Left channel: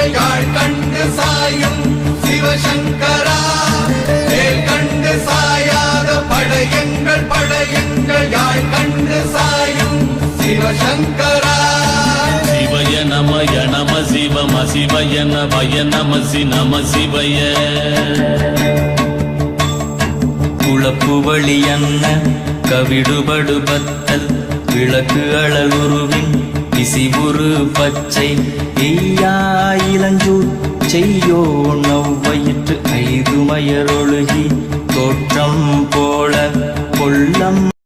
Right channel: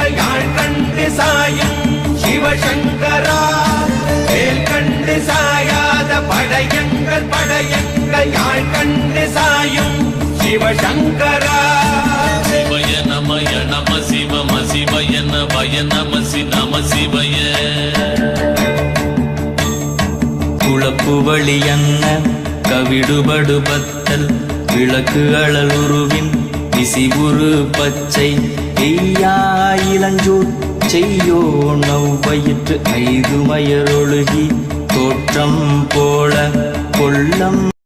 படையங்கள் யாழ் கண்டு சாயும் சிவசங்கரா வேல் கண்டு சாயாத படையங்கள் யாழ் கண்டு சாயும் சிவசங்கரா குளப்பு வழியன்ன கவிடுபடுபத்தல் விளக்கு அழலுருவின் விசிபுரு பச்சை எய்யா இளஞ்சூர் செய்யோ நவ்வயிற்று ஐதுமயரொழுகி தோற்றம் போல கொள்ளம்